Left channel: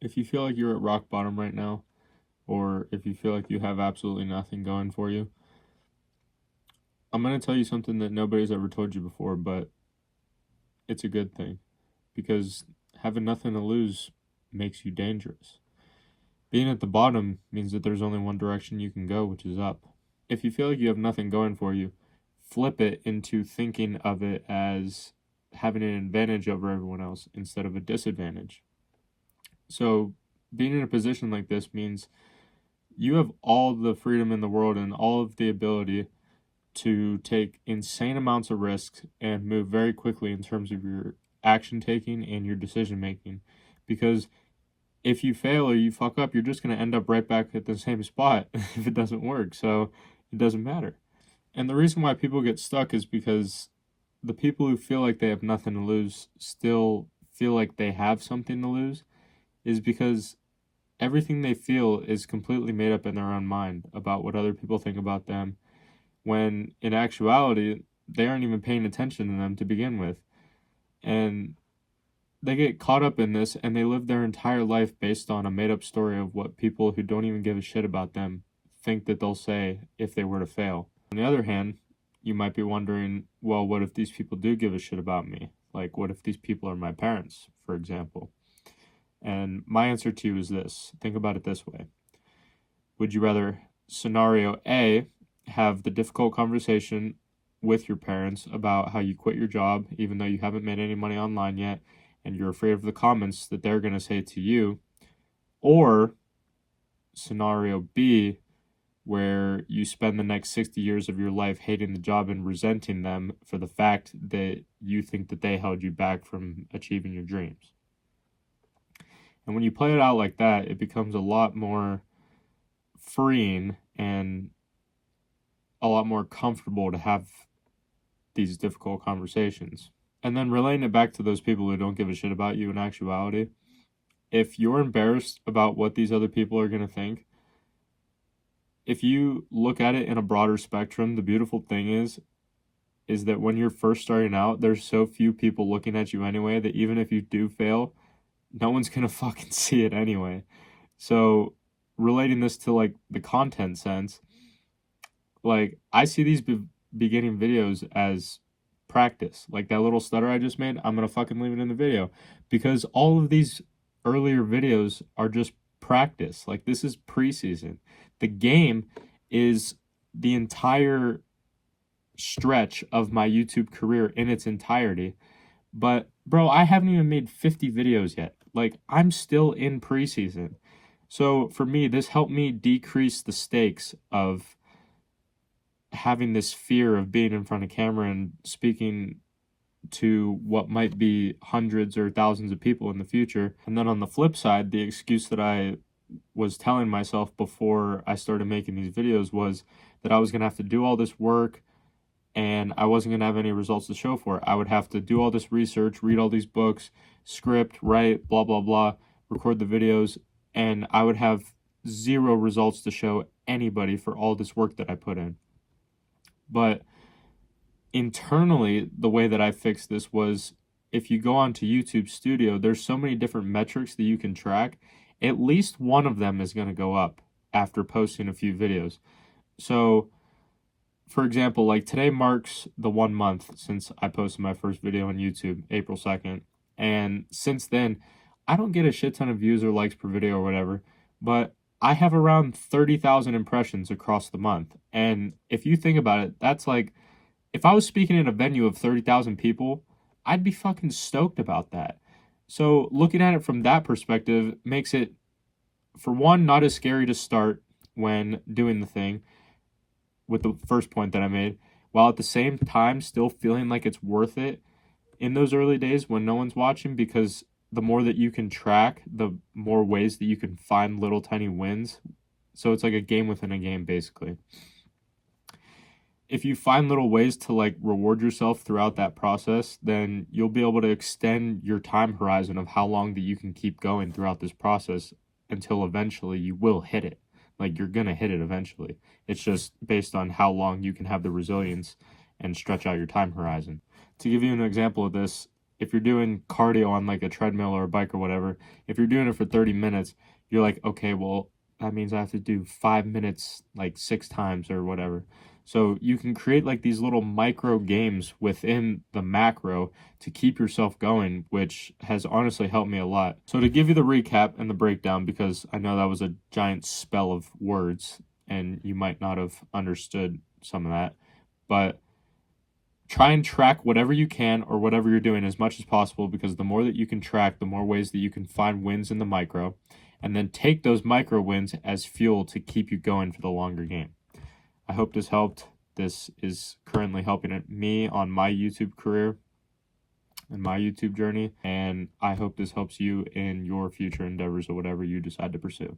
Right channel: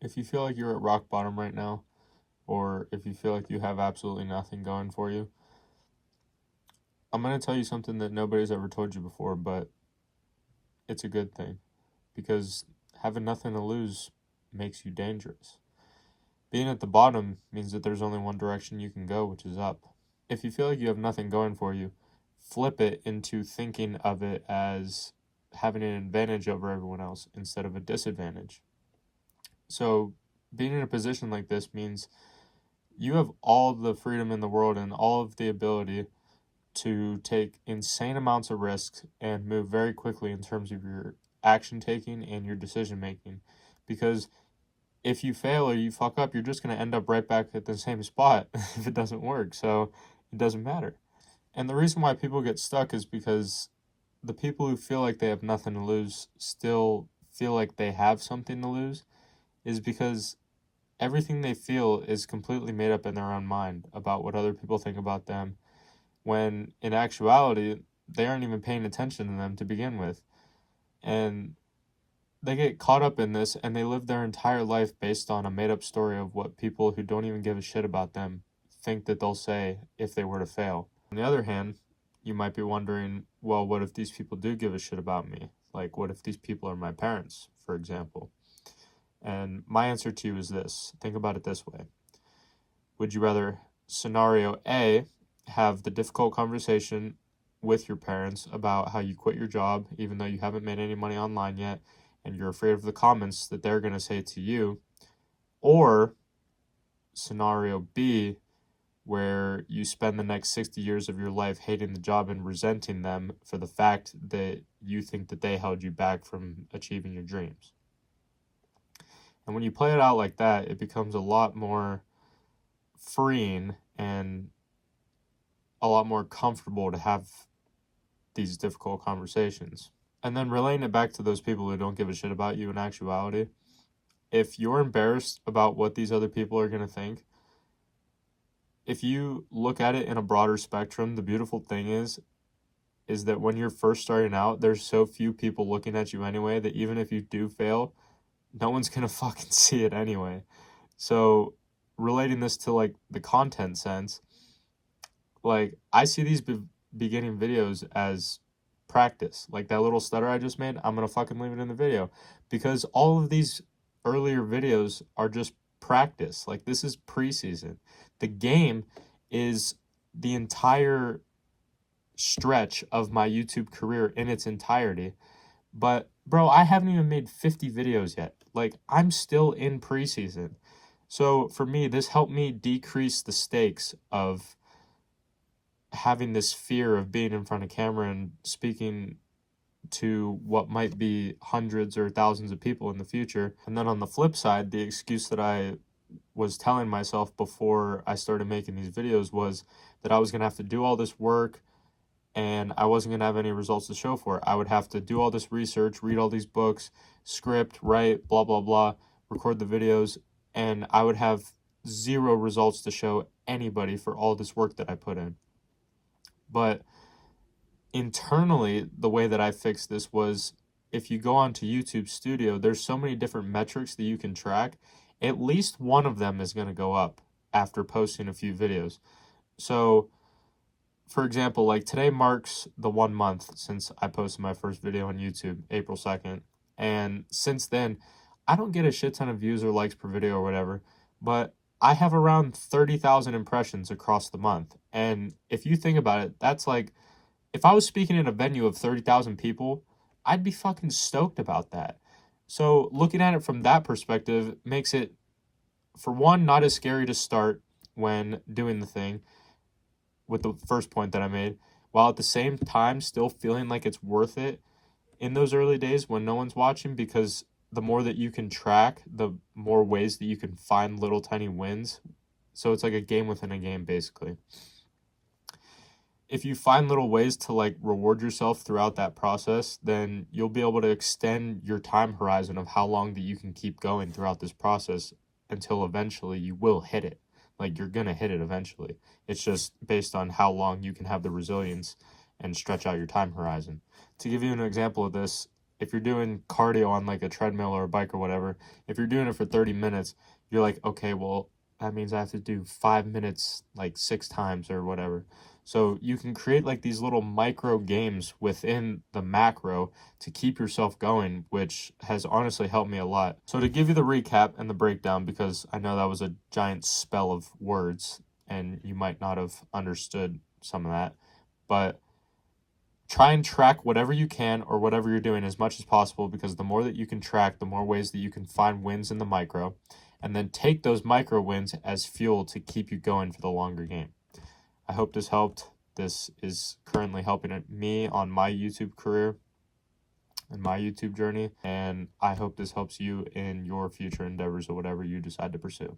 If you feel like you're at rock bottom right now, or if you feel like you have absolutely nothing going for you, I'm going to tell you something that nobody's ever told you before, but it's a good thing because having nothing to lose makes you dangerous. Being at the bottom means that there's only one direction you can go, which is up. If you feel like you have nothing going for you, flip it into thinking of it as having an advantage over everyone else instead of a disadvantage. So, being in a position like this means you have all the freedom in the world and all of the ability to take insane amounts of risks and move very quickly in terms of your action taking and your decision making. Because if you fail or you fuck up, you're just going to end up right back at the same spot if it doesn't work. So it doesn't matter. And the reason why people get stuck is because the people who feel like they have nothing to lose still feel like they have something to lose, is because everything they feel is completely made up in their own mind about what other people think about them, when in actuality, they aren't even paying attention to them to begin with. And they get caught up in this and they live their entire life based on a made up story of what people who don't even give a shit about them think that they'll say if they were to fail. On the other hand, you might be wondering, well, what if these people do give a shit about me? Like, what if these people are my parents, for example? And my answer to you is this. Think about it this way. Would you rather, scenario A, have the difficult conversation with your parents about how you quit your job even though you haven't made any money online yet and you're afraid of the comments that they're going to say to you, or scenario B, where you spend the next 60 years of your life hating the job and resenting them for the fact that you think that they held you back from achieving your dreams? And when you play it out like that, it becomes a lot more freeing and a lot more comfortable to have these difficult conversations. And then relaying it back to those people who don't give a shit about you in actuality, if you're embarrassed about what these other people are going to think, if you look at it in a broader spectrum, the beautiful thing is that when you're first starting out, there's so few people looking at you anyway that even if you do fail, no one's going to fucking see it anyway. So relating this to like the content sense, like I see these beginning videos as practice. Like that little stutter I just made, I'm going to fucking leave it in the video because all of these earlier videos are just practice. Like this is preseason. The game is the entire stretch of my YouTube career in its entirety. But bro, I haven't even made 50 videos yet. Like I'm still in preseason. So for me, this helped me decrease the stakes of having this fear of being in front of camera and speaking to what might be hundreds or thousands of people in the future. And then on the flip side, the excuse that I was telling myself before I started making these videos was that I was going to have to do all this work and I wasn't going to have any results to show for it. I would have to do all this research, read all these books, script, write, blah, blah, blah, record the videos, and I would have zero results to show anybody for all this work that I put in. But internally, the way that I fixed this was if you go onto YouTube Studio, there's so many different metrics that you can track. At least one of them is going to go up after posting a few videos. So, for example, like today marks the 1 month since I posted my first video on YouTube, April 2nd. And since then, I don't get a shit ton of views or likes per video or whatever, but I have around 30,000 impressions across the month. And if you think about it, that's like, if I was speaking in a venue of 30,000 people, I'd be fucking stoked about that. So looking at it from that perspective makes it, for one, not as scary to start when doing the thing with the first point that I made, while at the same time still feeling like it's worth it in those early days when no one's watching, because the more that you can track, the more ways that you can find little tiny wins. So it's like a game within a game, basically. If you find little ways to like reward yourself throughout that process, then you'll be able to extend your time horizon of how long that you can keep going throughout this process until eventually you will hit it. Like you're going to hit it eventually. It's just based on how long you can have the resilience and stretch out your time horizon. To give you an example of this, if you're doing cardio on like a treadmill or a bike or whatever, if you're doing it for 30 minutes, you're like, okay, well, that means I have to do 5 minutes like 6 times or whatever. So you can create like these little micro games within the macro to keep yourself going, which has honestly helped me a lot. So to give you the recap and the breakdown, because I know that was a giant spell of words and you might not have understood some of that, but try and track whatever you can or whatever you're doing as much as possible, because the more that you can track, the more ways that you can find wins in the micro, and then take those micro wins as fuel to keep you going for the longer game. I hope this helped. This is currently helping me on my YouTube career and my YouTube journey, and I hope this helps you in your future endeavors or whatever you decide to pursue.